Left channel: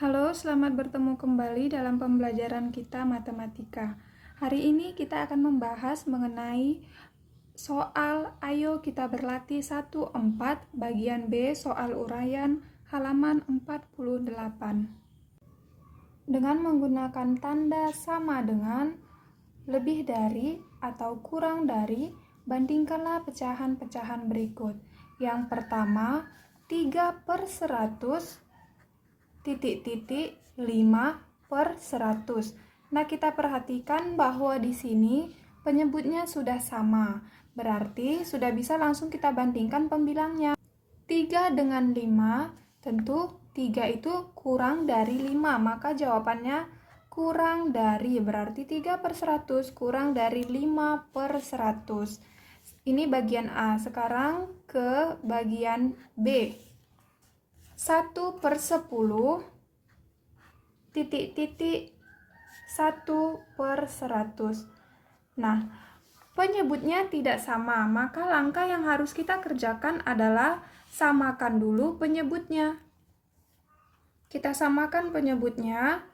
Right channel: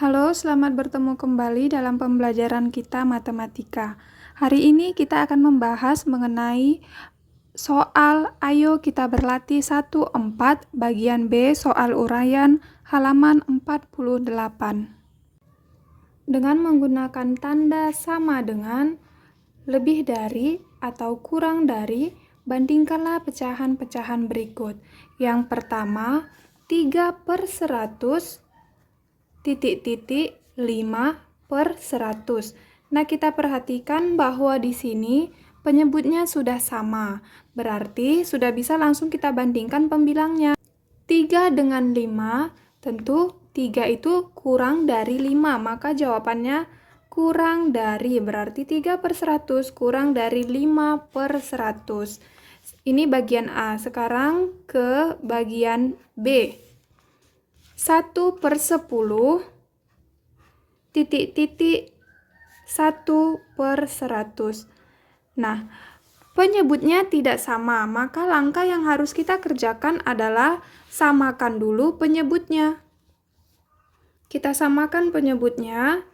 Halo, selamat bertemu kembali dalam pembelajaran kita matematika. Hari ini kita akan membahas mengenai soal Ayo Kita Berlatih 1-4 bagian B soal uraian halaman 48. Dengan menggunakan tanda sama dengan, lebih dari, atau kurang dari, bandingkanlah pecahan-pecahan berikut. Yang pertama, 3/100 5/100. Nah, kita perhatikan bahwa di sini penyebutnya sudah sama. Berarti sudah bisa langsung kita bandingkan pembilangnya. 3 dengan 5, tentu 3 itu kurang dari 5, maka jawabannya kurang dari, berarti 3/100 kurang dari 5/100. Ini bagian A. Sekarang ke bagian B. 1/10 1/100. Nah, penyebutnya tidak sama, maka langkah yang harus kita kerjakan adalah samakan dulu penyebutnya. Kita samakan penyebutnya.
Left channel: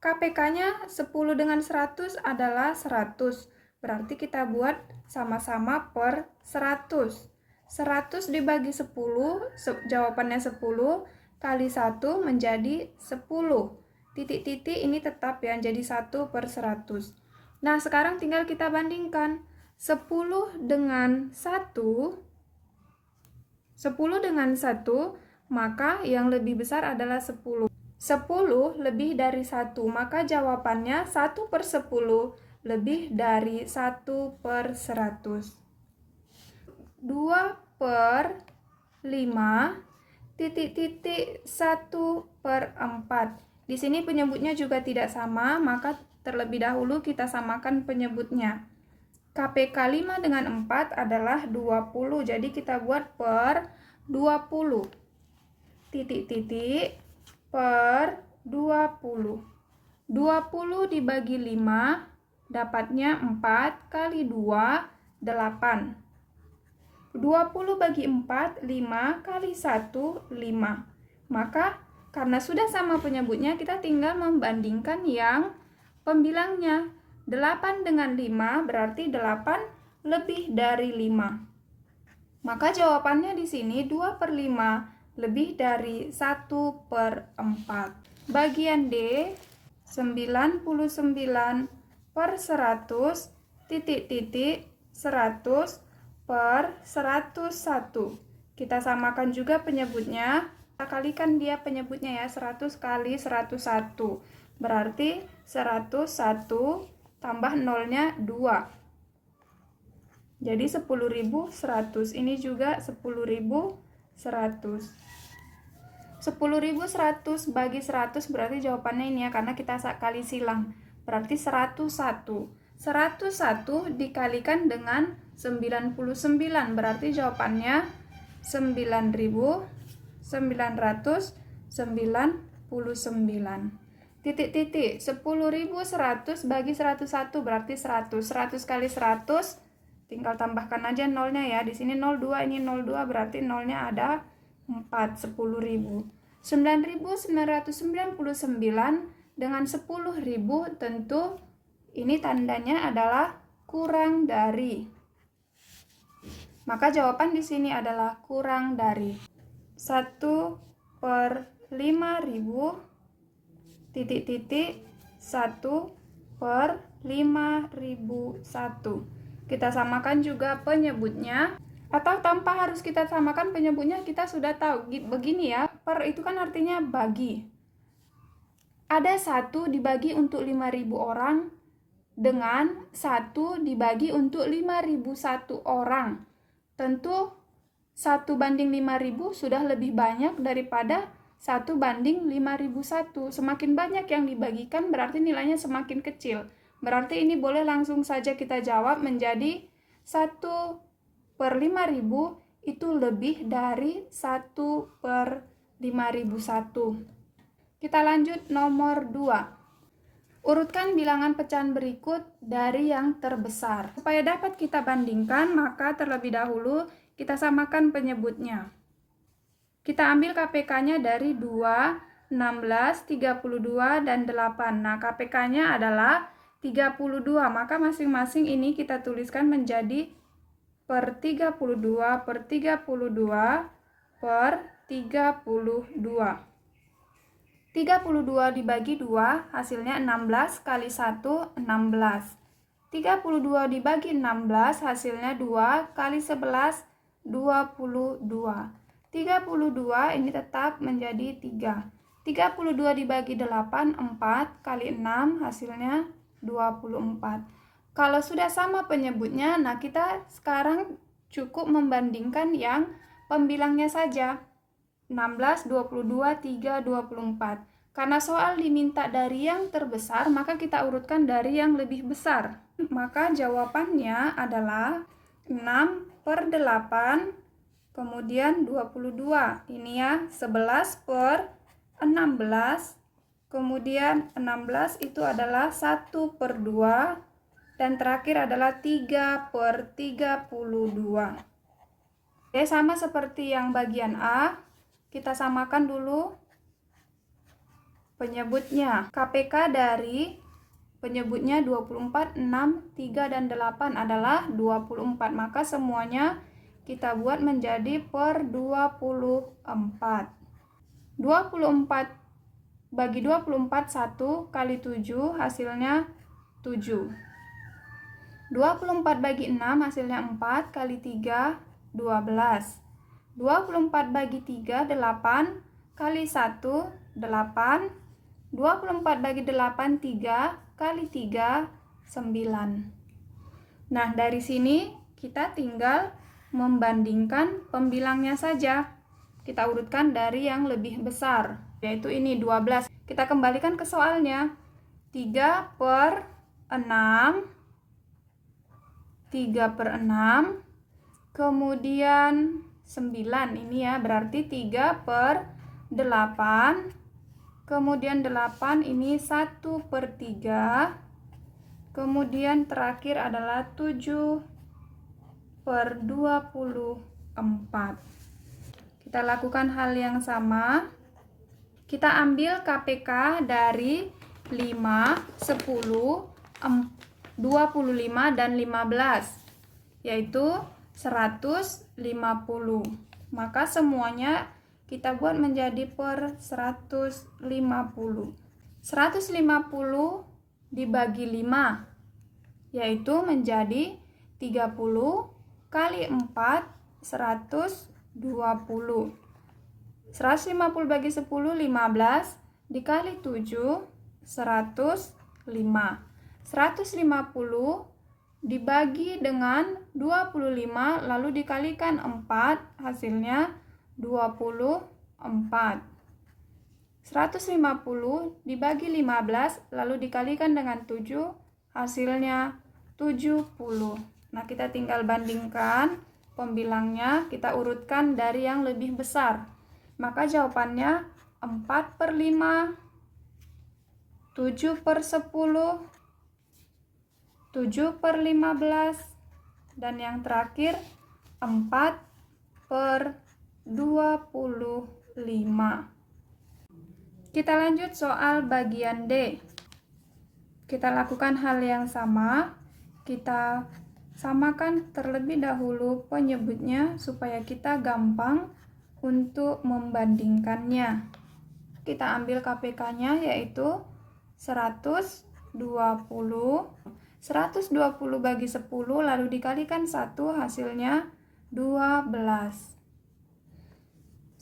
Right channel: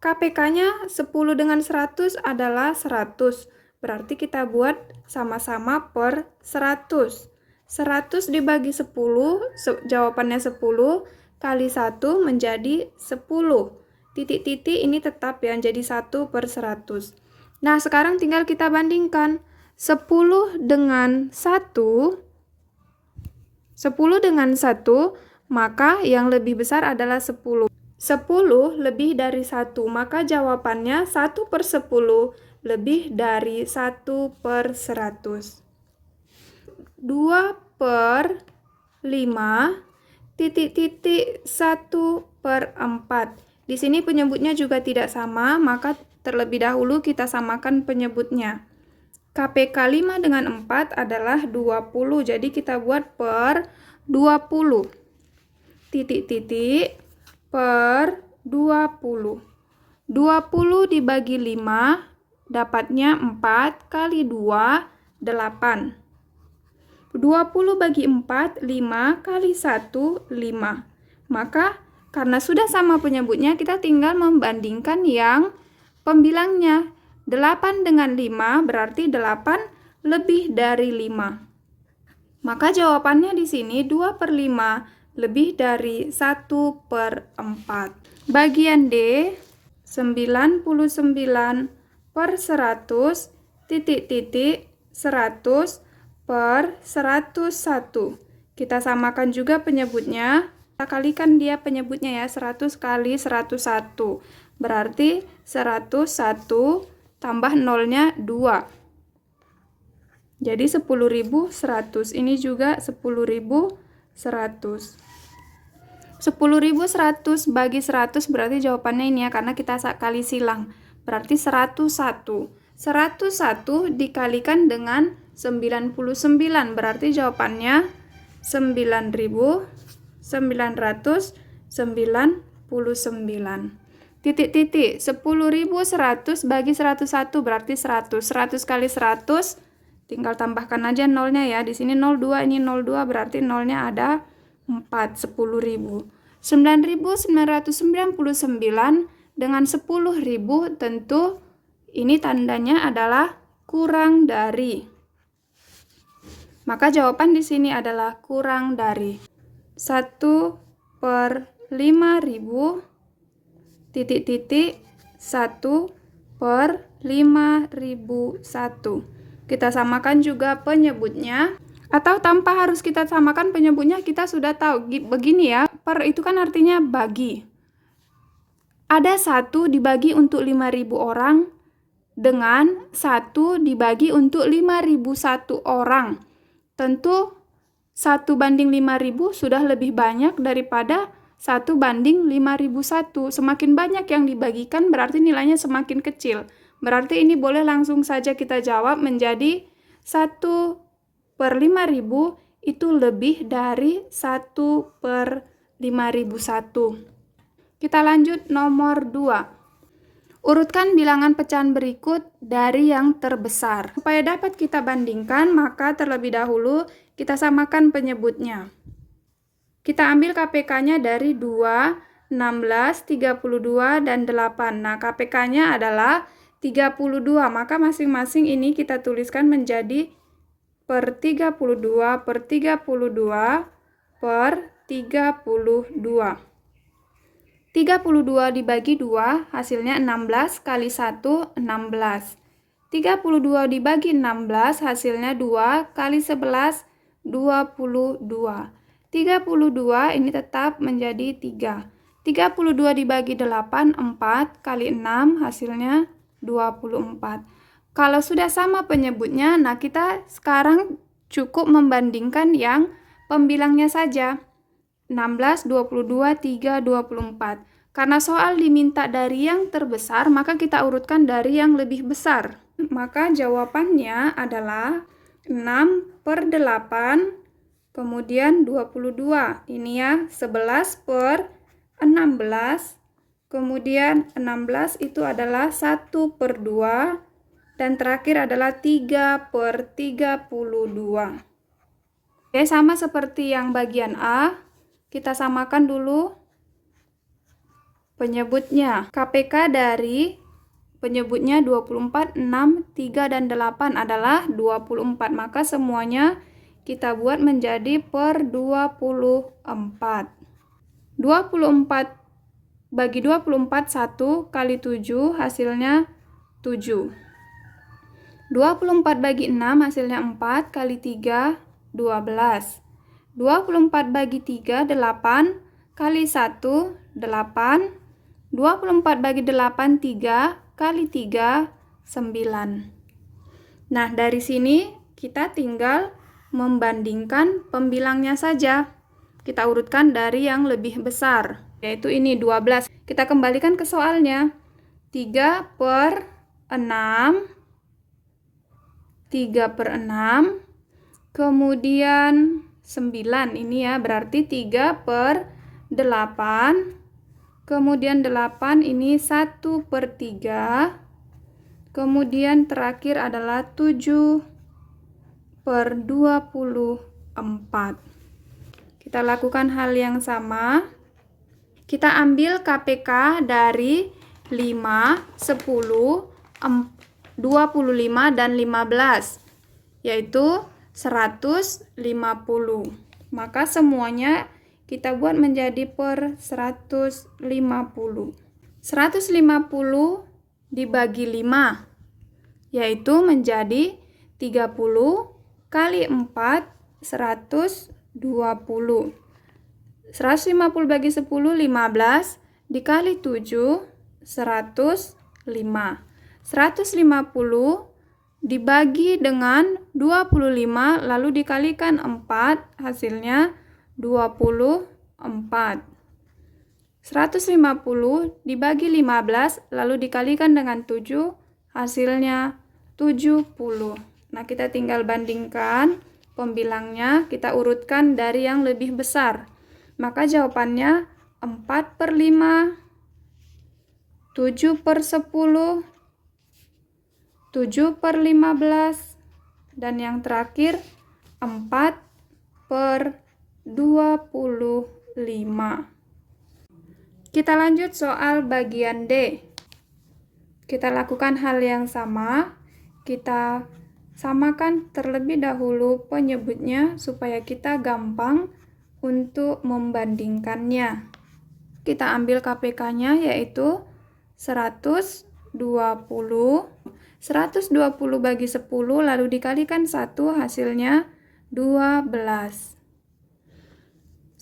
KPK-nya 10 dengan 100 adalah 100. Berarti kita buat sama-sama per 100. 100 dibagi 10, jawabannya 10, kali 1 menjadi 10. Titik-titik ini tetap ya, jadi 1/100. Nah, sekarang tinggal kita bandingkan. 10 dengan 1, maka yang lebih besar adalah 10. 10 lebih dari 1, maka jawabannya 1/10 lebih dari 1/100. 2/5 1/4. Di sini penyebutnya juga tidak sama, maka terlebih dahulu kita samakan penyebutnya. KPK 5 dengan 4 adalah 20, jadi kita buat per 20. Per 20. 20 dibagi 5, dapatnya 4, kali 2, 8. 20 bagi 4, 5, kali 1, 5. Maka, karena sudah sama penyebutnya, kita tinggal membandingkan yang pembilangnya. 8 dengan 5 berarti 8 lebih dari 5. Maka jawabannya di sini 2/5 lebih dari 1/4. Bagian D, 99/100 100 per 101. Kita samakan juga penyebutnya. Kita kalikan dia penyebutnya ya, 100 kali 101. Berarti 101 tambah nolnya 2. Jadi 10.100. Ini juga 10.100. 10.100 bagi 100 berarti jawabannya ini ya, karena kita kali silang. Berarti 101. 101 dikalikan dengan 99, berarti jawabannya 9.999. Titik-titik, 10.100 bagi 101 berarti 100. 100 kali 100, tinggal tambahkan aja nolnya ya. Di sini 02, ini 02, berarti nolnya ada 4, 10.000. 9.999 dengan 10.000, tentu ini tandanya adalah kurang dari. Maka jawaban di sini adalah kurang dari. 1/5000 1/5001. Kita samakan juga penyebutnya. Atau tanpa harus kita samakan penyebutnya, kita sudah tahu. Begini ya, per itu kan artinya bagi. Ada 1 dibagi untuk 5.000 orang dengan 1 dibagi untuk 5.001 orang. Tentu 1 banding 5.000 sudah lebih banyak daripada 1 banding 5.001. Semakin banyak yang dibagikan berarti nilainya semakin kecil. Berarti ini boleh langsung saja kita jawab menjadi 1/5000 itu lebih dari 1/5001. Kita lanjut nomor 2. Urutkan bilangan pecahan berikut dari yang terbesar. Supaya dapat kita bandingkan, maka terlebih dahulu kita samakan penyebutnya. Kita ambil KPK-nya dari 2 16, 32, dan 8. Nah, KPK-nya adalah 32. Maka masing-masing ini kita tuliskan menjadi per 32 per 32 per 32. 32 dibagi 2 hasilnya 16 kali 1 16. 32 dibagi 16 hasilnya 2 kali 11 22. 32 ini tetap menjadi 3. 32 dibagi 8 4 kali 6 hasilnya 24. Kalau sudah sama penyebutnya, nah kita sekarang cukup membandingkan yang pembilangnya saja. 16, 22, 3, 24. Karena soal diminta dari yang terbesar, maka kita urutkan dari yang lebih besar. Maka jawabannya adalah 6 per 8, kemudian 22. Ini ya, 11 per 16, kemudian 16 itu adalah 1 per 2, dan terakhir adalah 3 per 32. Oke, sama seperti yang bagian A. Kita samakan dulu penyebutnya. KPK dari penyebutnya 24, 6, 3, dan 8 adalah 24. Maka semuanya kita buat menjadi per 24. 24 bagi 24, 1 kali 7 hasilnya 7. 24 bagi 6 hasilnya 4 kali 3, 12. 24 bagi 3, 8 kali 1, 8. 24 bagi 8, 3 kali 3, 9. Nah, dari sini kita tinggal membandingkan pembilangnya saja. Kita urutkan dari yang lebih besar, yaitu ini 12. Kita kembalikan ke soalnya. 3 per 6, 3 per 6, kemudian 9, ini ya, berarti 3 per 8, kemudian 8 ini 1 per 3, kemudian terakhir adalah 7 per 24. Kita lakukan hal yang sama. Kita ambil KPK dari 5, 10, 25, dan 15, yaitu 150. Maka semuanya kita buat menjadi per 150. 150 dibagi 5, yaitu menjadi 30 kali 4, 120. 150 bagi 10, 15, dikali 7, 105. 150 dibagi dengan 25, lalu dikalikan 4, hasilnya 24. 150 dibagi 15, lalu dikalikan dengan 7, hasilnya 70. Nah, kita tinggal bandingkan pembilangnya, kita urutkan dari yang lebih besar. Maka jawabannya 4 per 5, 7 per 10, 7 per 15, dan yang terakhir 4 per 25. Kita lanjut soal bagian D. Kita lakukan hal yang sama. Kita samakan terlebih dahulu penyebutnya supaya kita gampang untuk membandingkannya. Kita ambil KPK-nya yaitu 120. 120 bagi 10 lalu dikalikan 1, hasilnya 12.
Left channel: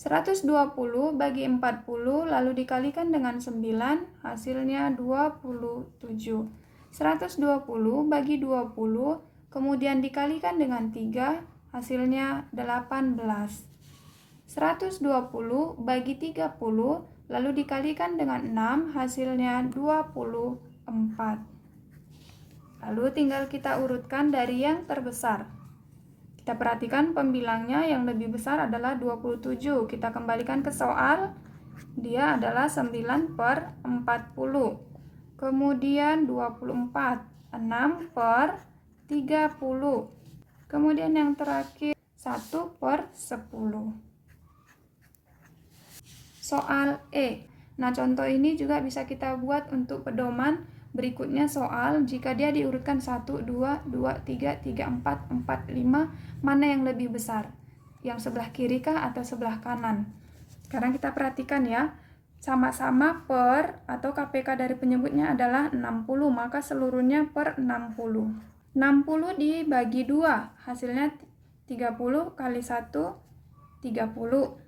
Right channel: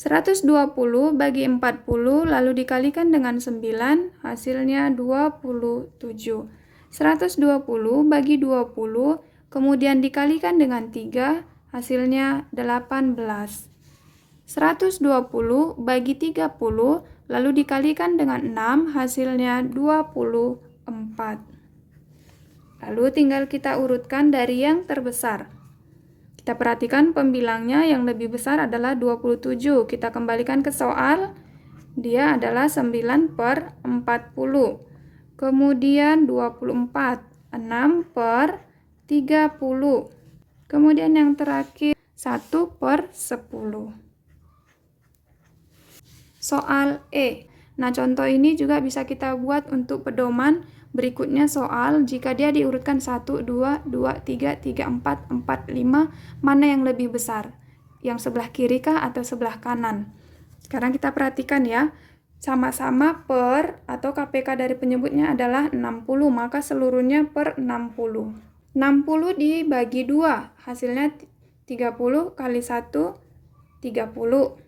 120 bagi 40 lalu dikalikan dengan 9, hasilnya 27. 120 bagi 20 kemudian dikalikan dengan 3, hasilnya 18. 120 bagi 30 lalu dikalikan dengan 6, hasilnya 24. Lalu tinggal kita urutkan dari yang terbesar. Kita perhatikan pembilangnya yang lebih besar adalah 27. Kita kembalikan ke soal. Dia adalah 9 per 40. Kemudian 24. 6 per 30. Kemudian yang terakhir 1 per 10. Soal E. Nah, contoh ini juga bisa kita buat untuk pedoman berikutnya soal jika dia diurutkan 1, 2, 2, 3, 3, 4, 4, 5, mana yang lebih besar? Yang sebelah kiri kah atau sebelah kanan? Sekarang kita perhatikan ya, sama-sama per atau KPK dari penyebutnya adalah 60, maka seluruhnya per 60. 60 dibagi 2, hasilnya 30 kali 1, 30.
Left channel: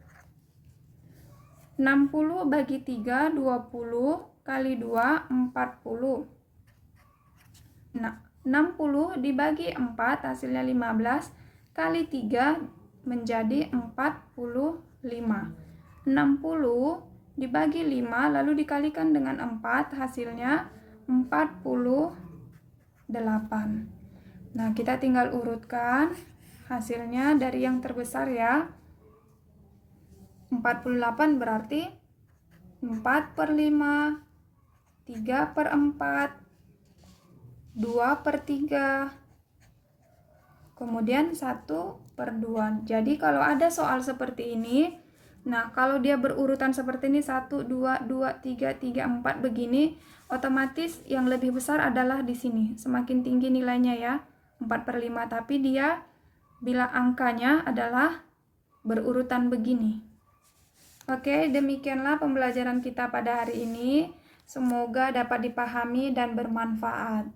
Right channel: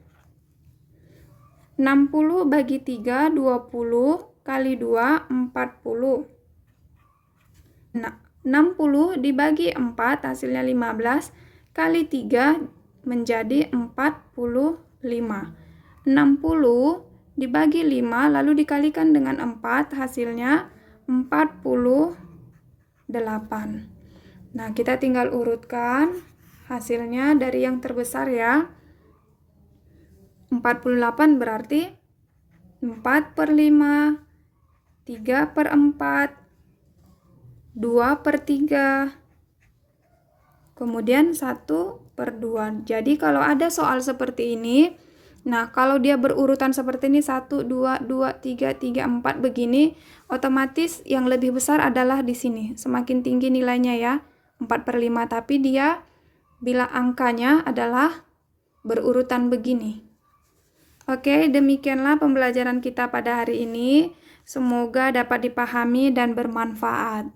60 bagi 3, 20 kali 2, 40. Nah, 60 dibagi 4, hasilnya 15, kali 3 menjadi 45. 60 dibagi 5, lalu dikalikan dengan 4, hasilnya 48. Nah, kita tinggal urutkan hasilnya dari yang terbesar ya. 48 berarti 4 per 5, 3 per 4, 2 per 3, kemudian 1 per 2. Jadi kalau ada soal seperti ini, nah kalau dia berurutan seperti ini 1, 2, 2, 3, 3, 4 begini, otomatis yang lebih besar adalah di sini. Semakin tinggi nilainya ya, 4 per 5, tapi dia bila angkanya adalah berurutan begini. Oke, demikianlah pembelajaran kita pada hari ini. Semoga dapat dipahami dan bermanfaat.